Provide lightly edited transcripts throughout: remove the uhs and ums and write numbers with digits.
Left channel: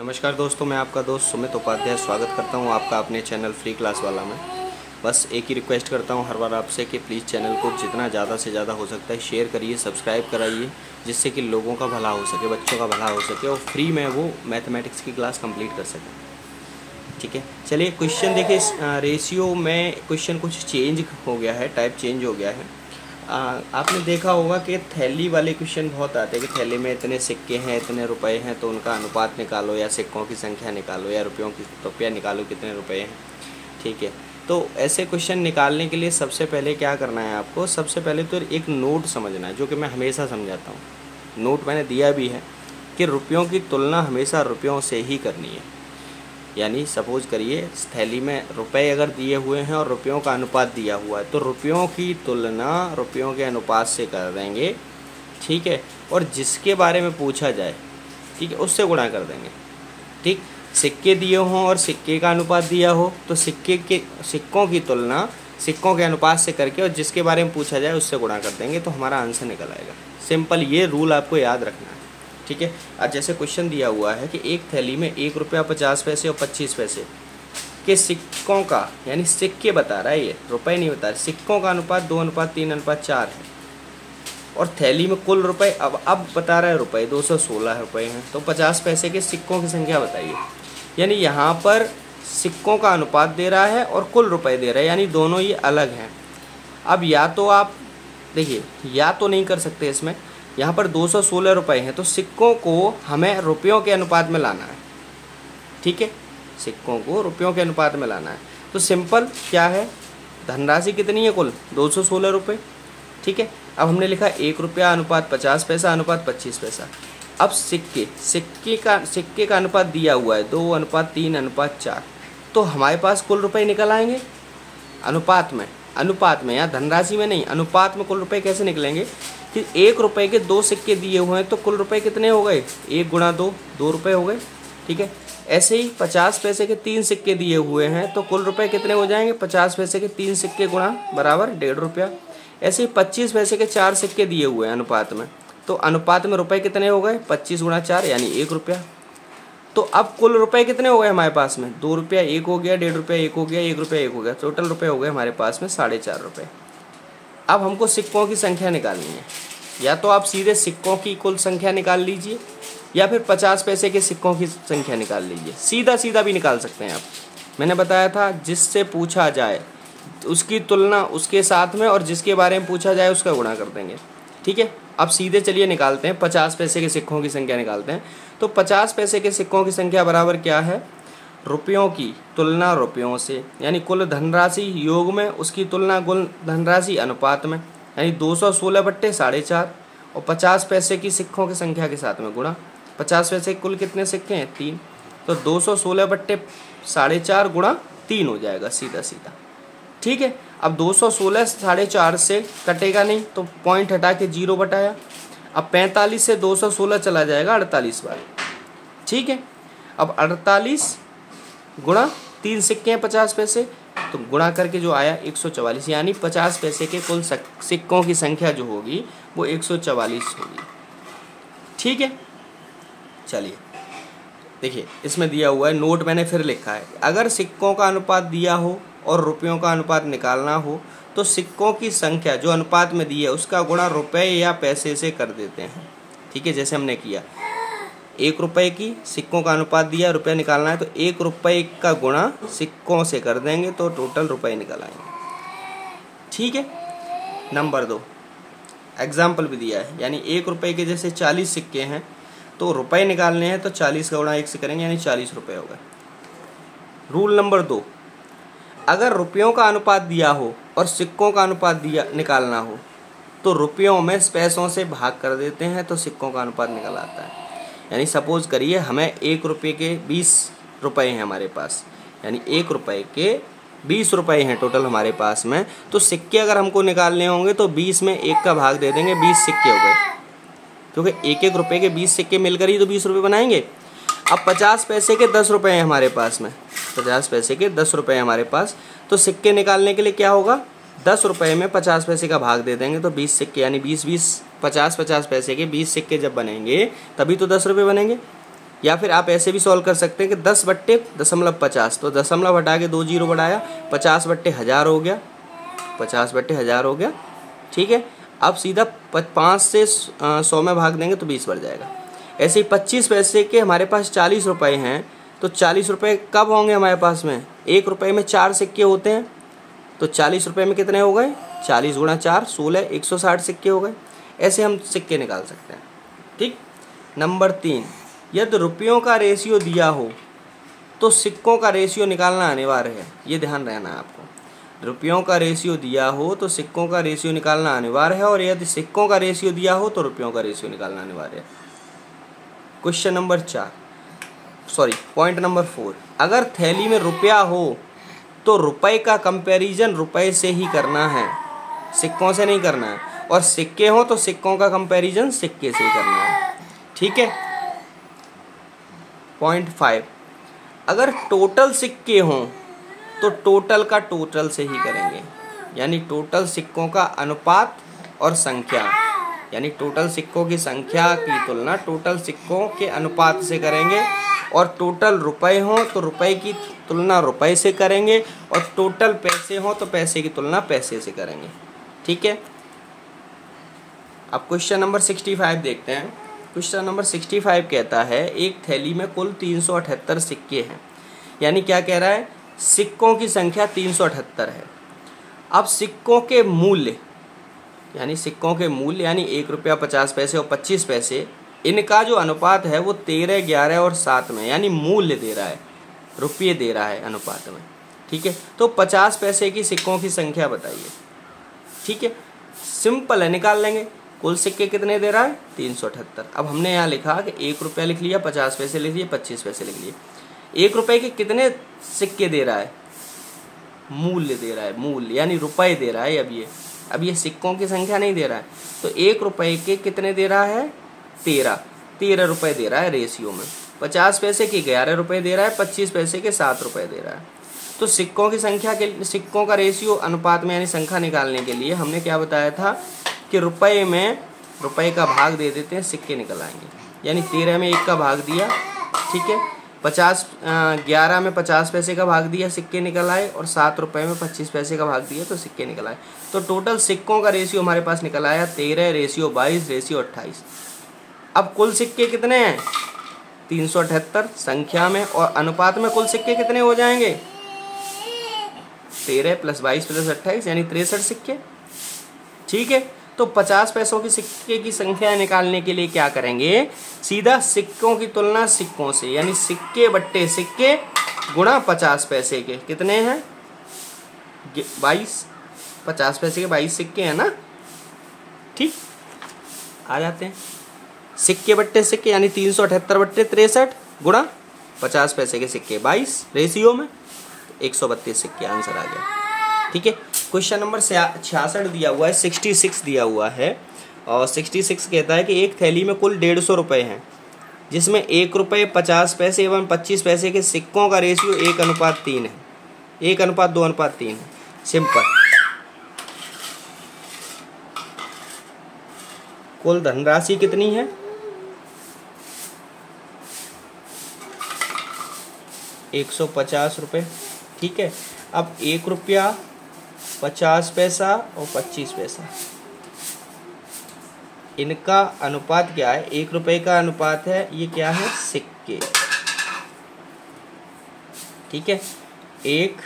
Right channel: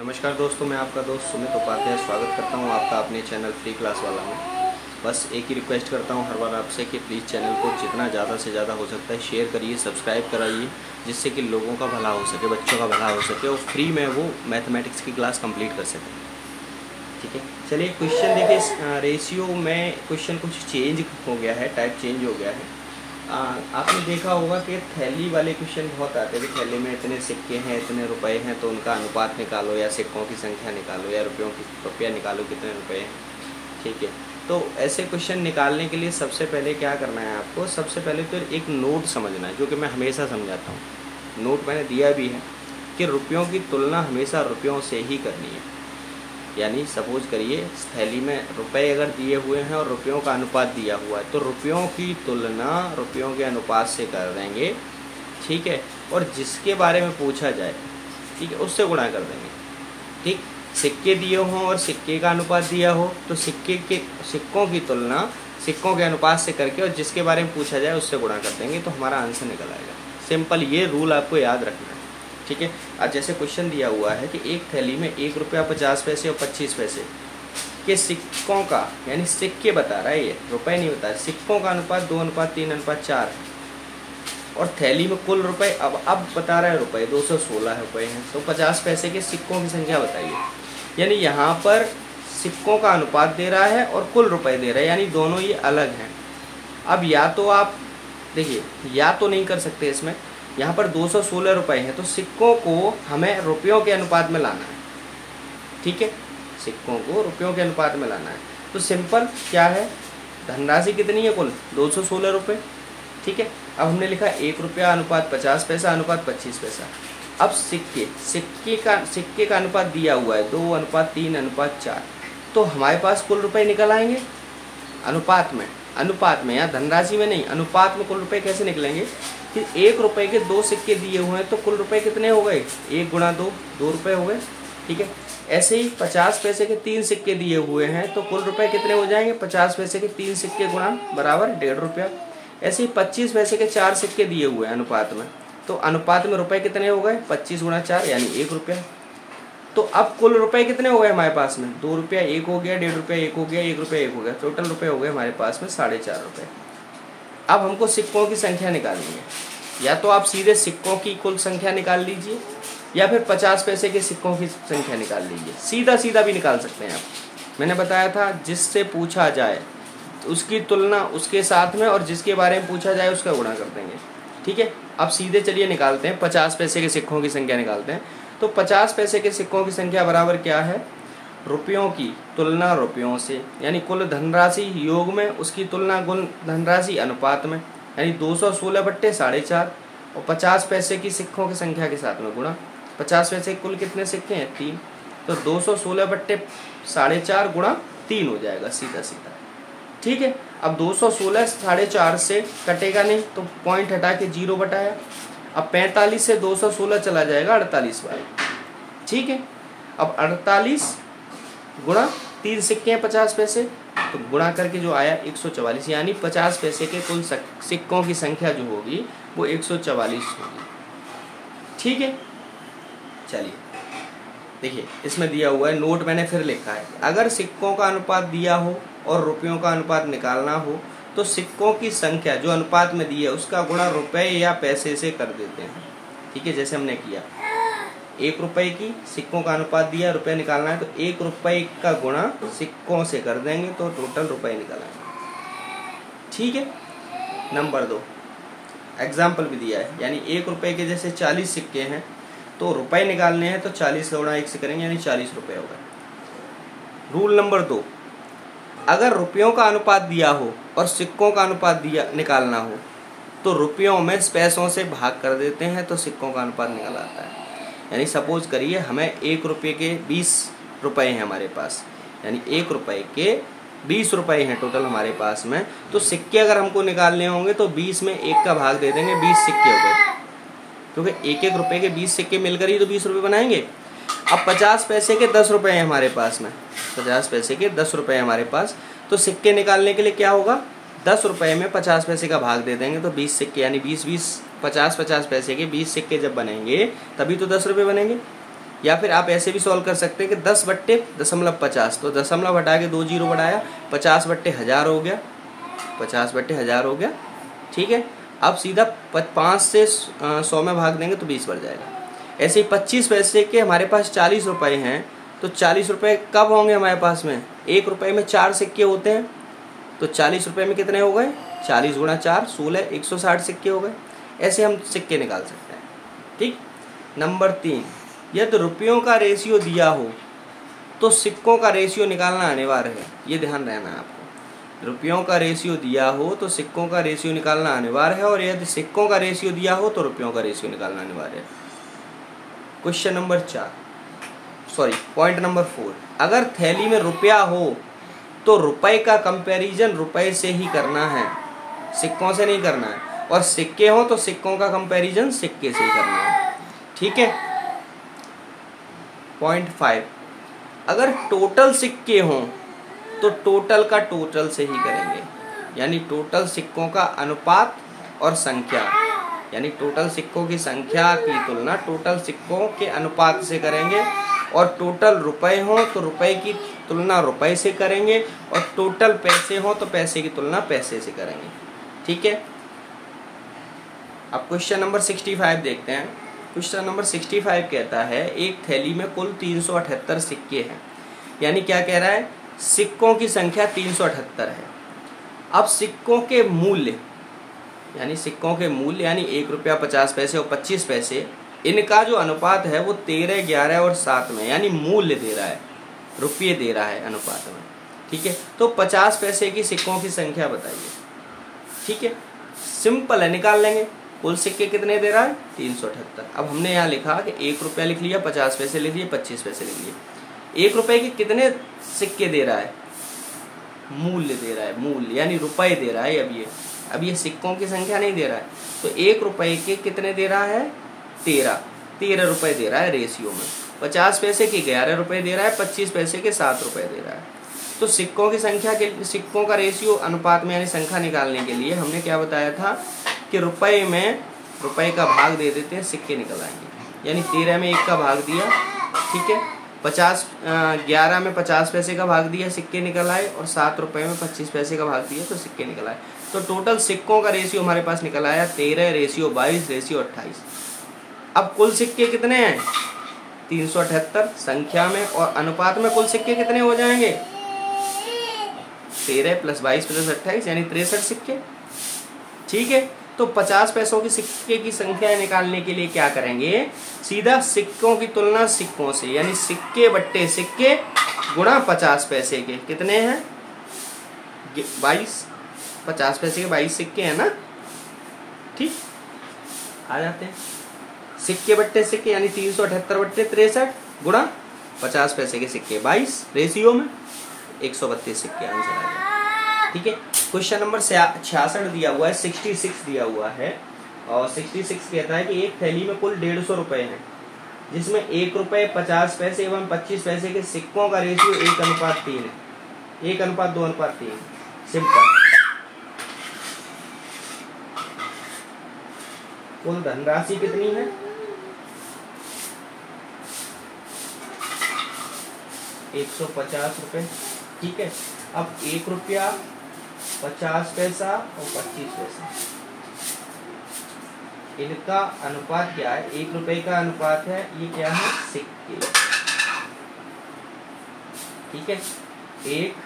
नमस्कार दोस्तों, मैं आपका दोस्त सुमित उपाध्याय स्वागत करता हूं आपका अपने चैनल फ्री क्लास वाला में। बस एक ही रिक्वेस्ट करता हूं हर बार आपसे कि प्लीज़ चैनल को जितना ज़्यादा से ज़्यादा हो सकता है शेयर करिए, सब्सक्राइब कराइए, जिससे कि लोगों का भला हो सके, बच्चों का भला हो सके और फ्री में वो मैथमेटिक्स की क्लास कंप्लीट कर सकें। ठीक है, चलिए क्वेश्चन देखिए। इस रेशियो में क्वेश्चन कुछ चेंज हो गया है, टाइप चेंज हो गया है। आपने देखा होगा कि थैली वाले क्वेश्चन बहुत आते हैं कि थैली में इतने सिक्के हैं, इतने रुपए हैं, तो उनका अनुपात निकालो या सिक्कों की संख्या निकालो या रुपया निकालो कितने रुपए हैं। ठीक है, तो ऐसे क्वेश्चन निकालने के लिए सबसे पहले क्या करना है आपको, सबसे पहले तो एक नोट समझना है, जो कि मैं हमेशा समझाता हूँ। नोट मैंने दिया भी है कि रुपयों की तुलना हमेशा रुपयों से ही करनी है। यानी सपोज करिए थैली में रुपए अगर दिए हुए हैं और रुपयों का अनुपात दिया हुआ है, तो रुपयों की तुलना रुपयों के अनुपात से कर देंगे। ठीक है, और जिसके बारे में पूछा जाए, ठीक है, उससे गुणा कर देंगे। ठीक, सिक्के दिए हों और सिक्के का अनुपात दिया हो, तो सिक्कों की तुलना सिक्कों के अनुपात से करके और जिसके बारे में पूछा जाए उससे गुणा कर देंगे, तो हमारा आंसर निकल आएगा। सिंपल, ये रूल आपको याद रखना। ठीक है, आज जैसे क्वेश्चन दिया हुआ है कि एक थैली में 1 रुपया 50 पैसे और 25 पैसे के सिक्कों का, यानी सिक्के बता रहा है, ये रुपए नहीं बता रहा, सिक्कों का अनुपात 2:3:4 है और थैली में कुल रुपए अब बता रहा है रुपए 216 रुपए हैं, तो 50 पैसे के सिक्कों की संख्या बताइए। यानी यहाँ पर सिक्कों का अनुपात दे रहा है और कुल रुपए दे रहा है, यानी दोनों ये अलग हैं। अब या तो आप देखिए, या तो नहीं कर सकते इसमें, यहाँ पर 216 रुपए हैं, तो सिक्कों को हमें रुपयों के अनुपात में लाना है। ठीक है, सिक्कों को रुपयों के अनुपात में लाना है, तो सिंपल क्या है, धनराशि कितनी है कुल 216 रुपये। ठीक है, अब हमने लिखा 1 रुपया अनुपात 50 पैसा अनुपात 25 पैसा। अब सिक्के का अनुपात दिया हुआ है 2:3:4, तो हमारे पास कुल रुपये निकल आएंगे अनुपात में, या धनराशि में नहीं, अनुपात में कुल रुपये कैसे निकलेंगे कि 1 रुपये के 2 सिक्के दिए हुए हैं, तो कुल रुपए कितने हो गए, 1 × 2 2 रुपये हो गए। ठीक है, ऐसे ही 50 पैसे के 3 सिक्के दिए हुए हैं, तो कुल रुपए कितने हो जाएंगे, 50 पैसे के 3 सिक्के गुणा बराबर 1.5 रुपया। ऐसे ही 25 पैसे के 4 सिक्के दिए हुए हैं अनुपात में, तो अनुपात में रुपए कितने हो गए, 25 × 4 यानी 1 रुपया। तो अब कुल रुपए कितने हो गए हमारे पास में, 2 रुपया 1 हो गया, 1.5 रुपया 1 हो गया, 1 रुपया 1 हो गया, टोटल रुपये हो गए हमारे पास में 4.5 रुपये। अब हमको सिक्कों की संख्या निकालनी है, या तो आप सीधे सिक्कों की कुल संख्या निकाल लीजिए या फिर 50 पैसे के सिक्कों की संख्या निकाल लीजिए। सीधा भी निकाल सकते हैं आप। मैंने बताया था जिससे पूछा जाए उसकी तुलना उसके साथ में और जिसके बारे में पूछा जाए उसका गुणा कर देंगे। ठीक है, अब सीधे चलिए निकालते हैं, 50 पैसे के सिक्कों की संख्या निकालते हैं। तो 50 पैसे के सिक्कों की संख्या बराबर क्या है, रुपयों की तुलना रुपयों से, यानी कुल धनराशि योग में उसकी तुलना कुल धनराशि अनुपात में, यानी 216/4 और 50 पैसे की सिक्कों की संख्या के साथ में गुणा। 50 पैसे कुल कितने सिक्के हैं, 3, तो 216/4 गुणा 3 हो जाएगा सीधा। ठीक है, अब 216 से कटेगा नहीं, तो पॉइंट हटा के 0 बटाया। अब 45 से 216 चला जाएगा 48 बार। ठीक है, अब 48 गुणा 3 सिक्के हैं 50 पैसे, तो गुणा करके जो आया 144, यानी 50 पैसे के कुल सिक्कों की संख्या जो होगी वो 144 होगी। ठीक है, चलिए देखिए, इसमें दिया हुआ है, नोट मैंने फिर लिखा है, अगर सिक्कों का अनुपात दिया हो और रुपयों का अनुपात निकालना हो, तो सिक्कों की संख्या जो अनुपात में दी है उसका गुणा रुपए या पैसे से कर देते हैं। ठीक है, जैसे हमने किया, 1 रुपये की सिक्कों का अनुपात दिया, रुपये निकालना है, तो 1 रुपये का गुणा सिक्कों से कर देंगे, तो टोटल रुपये निकल आएंगे। ठीक है, नंबर 2 एग्जाम्पल भी दिया है, यानी 1 रुपये के जैसे 40 सिक्के हैं, तो रुपये निकालने हैं तो 40 का गुणा 1 से करेंगे, यानी 40 रुपये होगा। रूल नंबर 2, अगर रुपयों का अनुपात दिया हो और सिक्कों का अनुपात निकालना हो, तो रुपयों में पैसों से भाग कर देते हैं, तो सिक्कों का अनुपात निकल आता है। यानी सपोज करिए हमें 1 रुपये के 20 रुपये हैं हमारे पास, यानी 1 रुपये के 20 रुपये हैं टोटल हमारे पास में, तो सिक्के अगर हमको निकालने होंगे तो 20 में 1 का भाग दे देंगे, 20 सिक्के हो गए, क्योंकि 1 रुपये के 20 सिक्के मिलकर ही तो 20 रुपये बनाएंगे। अब 50 पैसे के 10 रुपये हैं हमारे पास में, 50 पैसे के 10 रुपये हमारे पास, तो सिक्के निकालने के लिए क्या होगा, 10 रुपये में 50 पैसे का भाग दे देंगे, तो 20 सिक्के, यानी 20 50 पैसे के 20 सिक्के जब बनेंगे तभी तो 10 रुपये बनेंगे। या फिर आप ऐसे भी सॉल्व कर सकते हैं कि 10/50, तो दशमलव हटा के 2 जीरो बढ़ाया, 50/1000 हो गया, 50/1000 हो गया। ठीक है, अब सीधा 5 से 100 में भाग देंगे तो 20 बढ़ जाएगा। ऐसे ही 25 पैसे के हमारे पास 40 रुपये हैं, तो 40 रुपये कब होंगे हमारे पास में? 1 रुपये में 4 सिक्के होते हैं, तो 40 रुपये में कितने हो गए? 40 गुणा 4 16, 160 सिक्के हो गए। ऐसे हम सिक्के निकाल सकते हैं। ठीक। नंबर 3, यदि रुपयों का रेशियो दिया हो तो सिक्कों का रेशियो निकालना अनिवार्य है। ये ध्यान रहना है आपको। रुपयों का रेशियो दिया हो तो सिक्कों का रेशियो निकालना अनिवार्य है, और यदि सिक्कों का रेशियो दिया हो तो रुपयों का रेशियो निकालना अनिवार्य है। क्वेश्चन नंबर 4, पॉइंट नंबर 4, अगर थैली में रुपया हो तो रुपए का कंपैरिजन रुपए से ही करना है, सिक्कों से नहीं करना है, और सिक्के हो तो सिक्कों का कंपैरिजन सिक्के से ही करना है। ठीक है। पॉइंट 5, अगर टोटल सिक्के हों तो टोटल का टोटल से ही करेंगे, यानी टोटल सिक्कों का अनुपात और संख्या, यानी टोटल सिक्कों की संख्या की तुलना टोटल सिक्कों के अनुपात से करेंगे, और टोटल रुपए हों तो रुपए की तुलना रुपए से करेंगे, और टोटल पैसे हों तो पैसे की तुलना पैसे से करेंगे। ठीक है। अब क्वेश्चन नंबर 65 देखते हैं। क्वेश्चन नंबर 65 कहता है एक थैली में कुल 378 सिक्के हैं, यानी क्या कह रहा है? सिक्कों की संख्या 378 है। अब सिक्कों के मूल्य, यानी सिक्कों के मूल्य यानी 1 रुपया 50 पैसे और 25 पैसे, इनका जो अनुपात है वो 13, 11 और 7 में, यानी मूल्य दे रहा है, रुपये दे रहा है अनुपात में। ठीक है। तो 50 पैसे की सिक्कों की संख्या बताइए। ठीक है, सिंपल है, निकाल लेंगे। कुल सिक्के कितने दे रहा है? 378। अब हमने यहाँ लिखा कि 1 रुपया लिख लिया, 50 पैसे लिख लिए, 25 पैसे लिख लिए। 1 रुपये के कितने सिक्के दे रहा है? मूल्य दे रहा है, मूल्य यानी रुपए दे रहा है। अब ये सिक्कों की संख्या नहीं दे रहा है। तो 1 रुपये के कितने दे रहा है? 13 रुपये दे रहा है रेशियो में। 50 पैसे के 11 रुपये दे रहा है, 25 पैसे के 7 रुपये दे रहा है। तो सिक्कों की संख्या के, सिक्कों का रेशियो अनुपात में यानी संख्या निकालने के लिए हमने क्या बताया था कि रुपए में रुपए का भाग दे देते हैं, सिक्के निकल आएंगे। यानी 13 में 1 का भाग दिया, ठीक है, 11 में 50 पैसे का भाग दिया, सिक्के निकल आए, और 7 रुपये में 25 पैसे का भाग दिया तो सिक्के निकल आए। तो टोटल सिक्कों का रेशियो हमारे पास निकल आया 13 रेशियो 22 रेशियो 28। अब कुल सिक्के कितने हैं? 378 संख्या में, और अनुपात में कुल सिक्के कितने हो जाएंगे? 13 + 22 + 28 यानी 63 सिक्के। ठीक है। तो 50 पैसों की सिक्के की संख्या निकालने के लिए क्या करेंगे? सीधा सिक्कों की तुलना सिक्कों से, यानी सिक्के बट्टे सिक्के गुणा 50 पैसे के कितने हैं? 22। 50 पैसे के 22 सिक्के हैं ना। ठीक, आ जाते हैं। सिक्के बट्टे सिक्के यानी 378/63 गुणा 50 पैसे के सिक्के 22 रेशियो में 132 सिक्के, आंसर आ गया। ठीक है। क्वेश्चन नंबर 66 दिया हुआ है, 66 दिया हुआ है, और 66 कहता है कि एक थैली में कुल 150 रुपये हैं, जिसमें 1 रुपये 50 पैसे एवं 25 पैसे के सिक्कों का रेशियो 1:3 है, 1:2:3 है। सिंपल। कुल धनराशि कितनी है? 150 रुपये। ठीक है। अब 1 रुपया 50 पैसा और 25 पैसा, इनका अनुपात क्या है? 1 रुपये का अनुपात है, ये क्या है? सिक्के। ठीक है, 1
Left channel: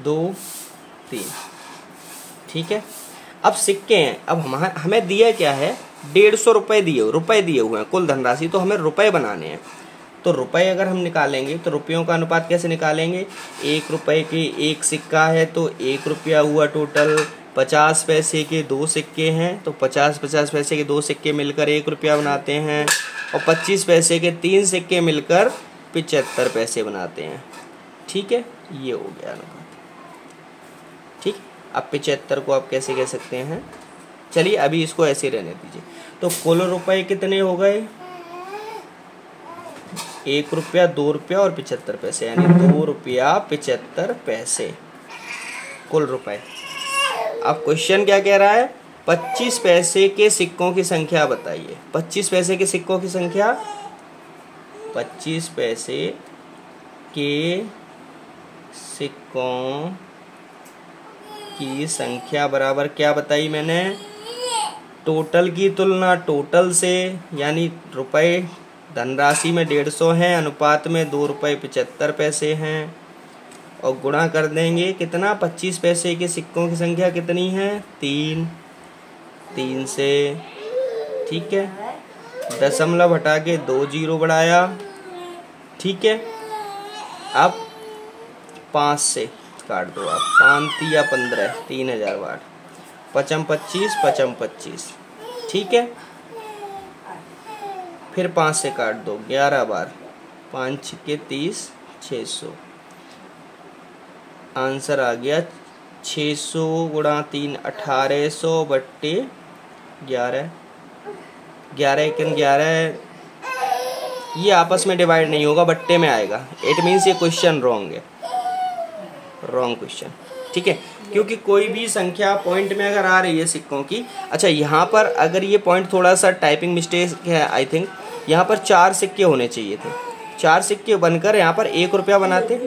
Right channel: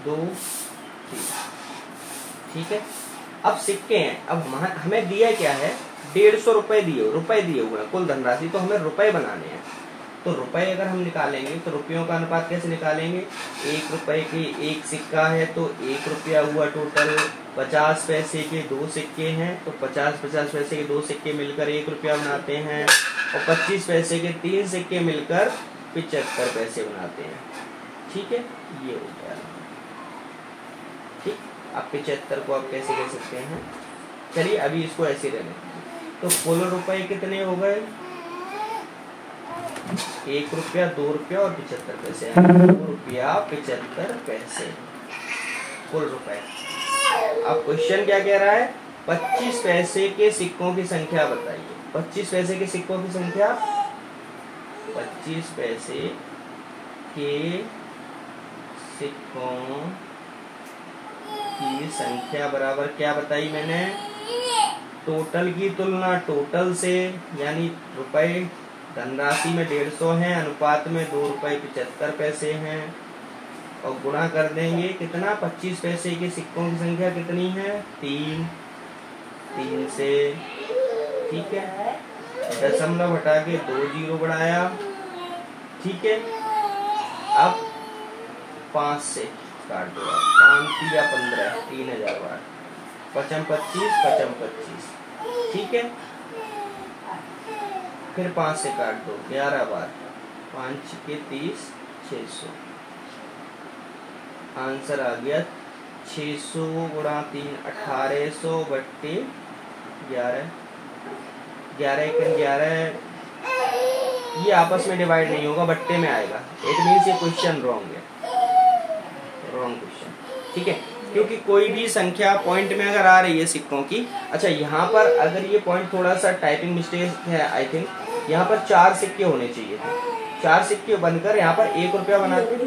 2 3। ठीक है। अब सिक्के हैं, अब हमें दिया क्या है? 150 रुपये दिए हुए हैं कुल धनराशि, तो हमें रुपए बनाने हैं। तो रुपए अगर हम निकालेंगे तो रुपयों का अनुपात कैसे निकालेंगे? 1 रुपये के 1 सिक्का है तो 1 रुपया हुआ टोटल। 50 पैसे के 2 सिक्के हैं तो 50 पैसे के 2 सिक्के मिलकर 1 रुपया बनाते हैं, और 25 पैसे के 3 सिक्के मिलकर 75 पैसे बनाते हैं। ठीक है, ये हो गया। ठीक। अब 75 को आप कैसे कह सकते हैं? चलिए अभी इसको ऐसे रहने दीजिए। तो कुल रुपए कितने हो गए? 1 रुपया 2 रुपया और 75 पैसे, यानी 2 रुपया 75 पैसे कुल रुपए। अब क्वेश्चन क्या कह रहा है? 25 पैसे के सिक्कों की संख्या बताइए। 25 पैसे के सिक्कों की संख्या 25 पैसे के सिक्कों की संख्या बराबर क्या बताई मैंने, टोटल की तुलना टोटल से, यानी रुपए धनराशि में 150 हैं, अनुपात में 2 रुपये 75 पैसे हैं, और गुणा कर देंगे कितना, 25 पैसे के सिक्कों की संख्या कितनी है, 3 से, ठीक है। दशमलव हटा के 2 जीरो बढ़ाया, ठीक है। अब 5 से काट दो आप, 5 या 15, 3000 बार, 55 25 55 25, ठीक है। फिर 5 से काट दो 11 बार, 5 के 30, 600। आंसर आ गया 600 गुणा 3 1800 बट्टे 11, 11 एकम 11, ये आपस में डिवाइड नहीं होगा, बट्टे में आएगा। इट मीन्स ये क्वेश्चन रॉन्ग है, रॉन्ग क्वेश्चन, ठीक है। क्योंकि कोई भी संख्या पॉइंट में अगर आ रही है सिक्कों की, अच्छा यहाँ पर अगर ये पॉइंट थोड़ा सा टाइपिंग मिस्टेक है, आई थिंक यहाँ पर 4 सिक्के होने चाहिए थे, 4 सिक्के बनकर यहाँ पर 1 रुपया बनाते,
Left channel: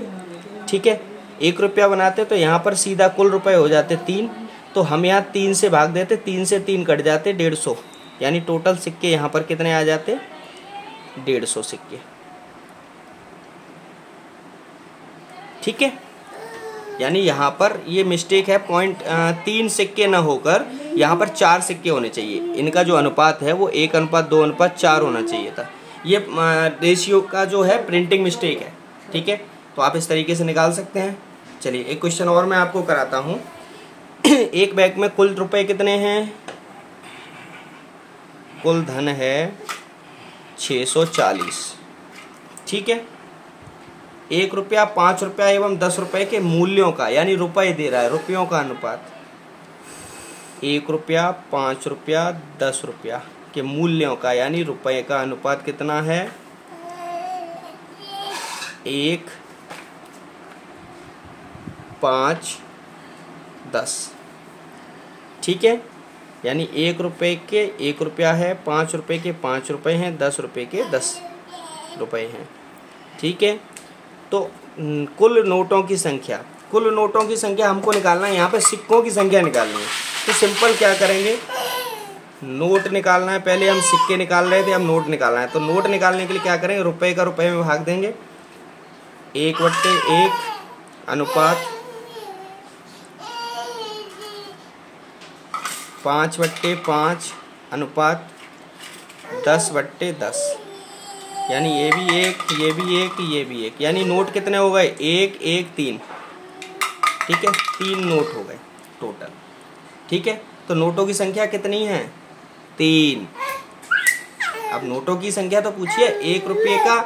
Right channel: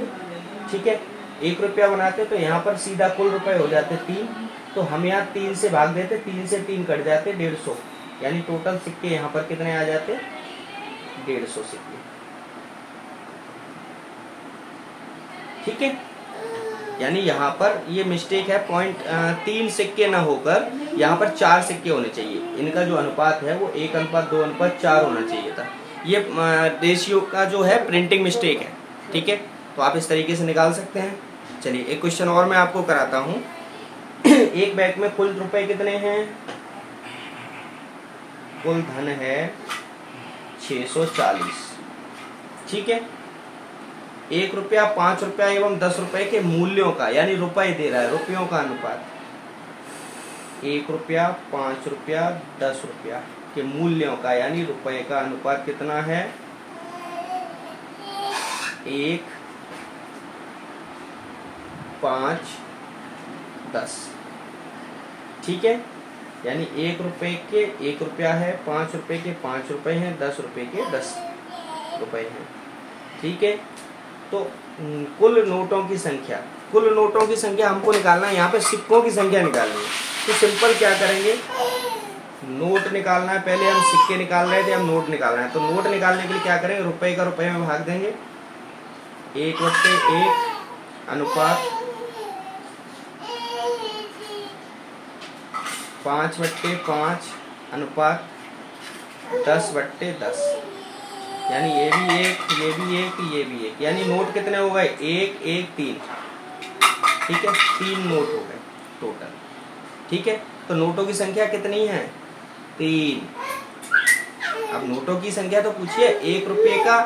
ठीक है। 1 रुपया बनाते तो यहाँ पर सीधा कुल रुपए हो जाते 3, तो हम यहाँ 3 से भाग देते, 3 से 3 कट जाते 150, यानी टोटल सिक्के यहाँ पर कितने आ जाते, 150 सिक्के, ठीक है। यानी यहाँ पर ये मिस्टेक है, पॉइंट 3 सिक्के ना होकर यहाँ पर 4 सिक्के होने चाहिए। इनका जो अनुपात है वो 1:2:4 होना चाहिए था। ये रेशियो का जो है प्रिंटिंग मिस्टेक है, ठीक है। तो आप इस तरीके से निकाल सकते हैं। चलिए एक क्वेश्चन और मैं आपको कराता हूँ। एक बैग में कुल रुपए कितने हैं, कुल धन है 640, ठीक है। 1 रुपया 5 रुपया एवं 10 रुपए के मूल्यों का, यानी रुपए दे रहा है, रुपयों का अनुपात, 1 रुपया 5 रुपया 10 रुपया के मूल्यों का, यानी रुपए का अनुपात कितना है, 1 5 10, ठीक है। यानी 1 रुपए के 1 रुपया है, 5 रुपए के 5 रुपए हैं, 10 रुपए के 10 रुपए हैं, ठीक है। तो कुल नोटों की संख्या, कुल नोटों की संख्या हमको निकालना है, यहाँ पे सिक्कों की संख्या निकालनी है। तो सिंपल क्या करेंगे, नोट निकालना है, पहले हम सिक्के निकाल रहे थे, हम नोट निकालना है। तो नोट निकालने के लिए क्या करेंगे, रुपए का रुपए में भाग देंगे, 1/1 अनुपात 5/5 अनुपात 10/10, यानी ये भी 1, ये भी 1, ये भी 1, यानी नोट कितने हो गए, 1 1 3, ठीक है। 3 नोट हो गए टोटल, ठीक है। तो नोटों की संख्या कितनी है, 3। अब नोटों की संख्या तो पूछिए, 1 रुपये का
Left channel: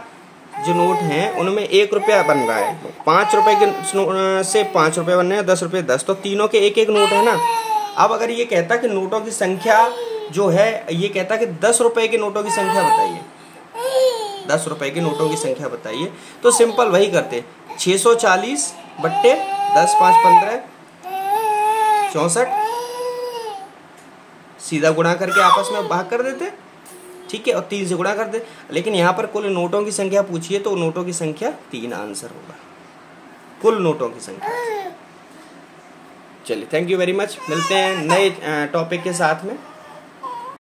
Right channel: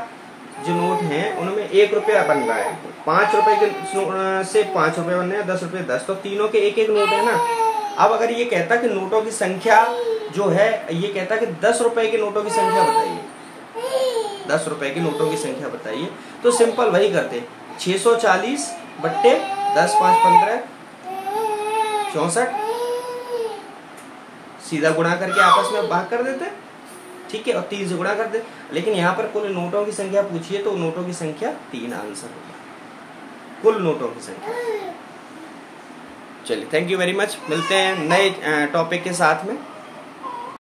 जो नोट है उनमें 1 रुपया बन रहा है, 5 रुपए के से 5 रुपये बन रहे हैं, 10 रुपये 10, तो तीनों के 1 1 नोट है ना। अब अगर ये कहता कि नोटों की संख्या जो है, ये कहता कि 10 रुपए के नोटों की संख्या बताइए, 10 रुपए के नोटों की संख्या बताइए, तो सिंपल वही करते, 640 बट्टे 10 5 15 64, सीधा गुणा करके आपस में भाग कर देते, ठीक है, और 3 से गुणा कर दे। लेकिन यहाँ पर कुल नोटों की संख्या पूछिए, तो नोटों की संख्या 3 आंसर होगा, कुल नोटों की संख्या। चलिए थैंक यू वेरी मच, मिलते हैं नए टॉपिक के साथ में।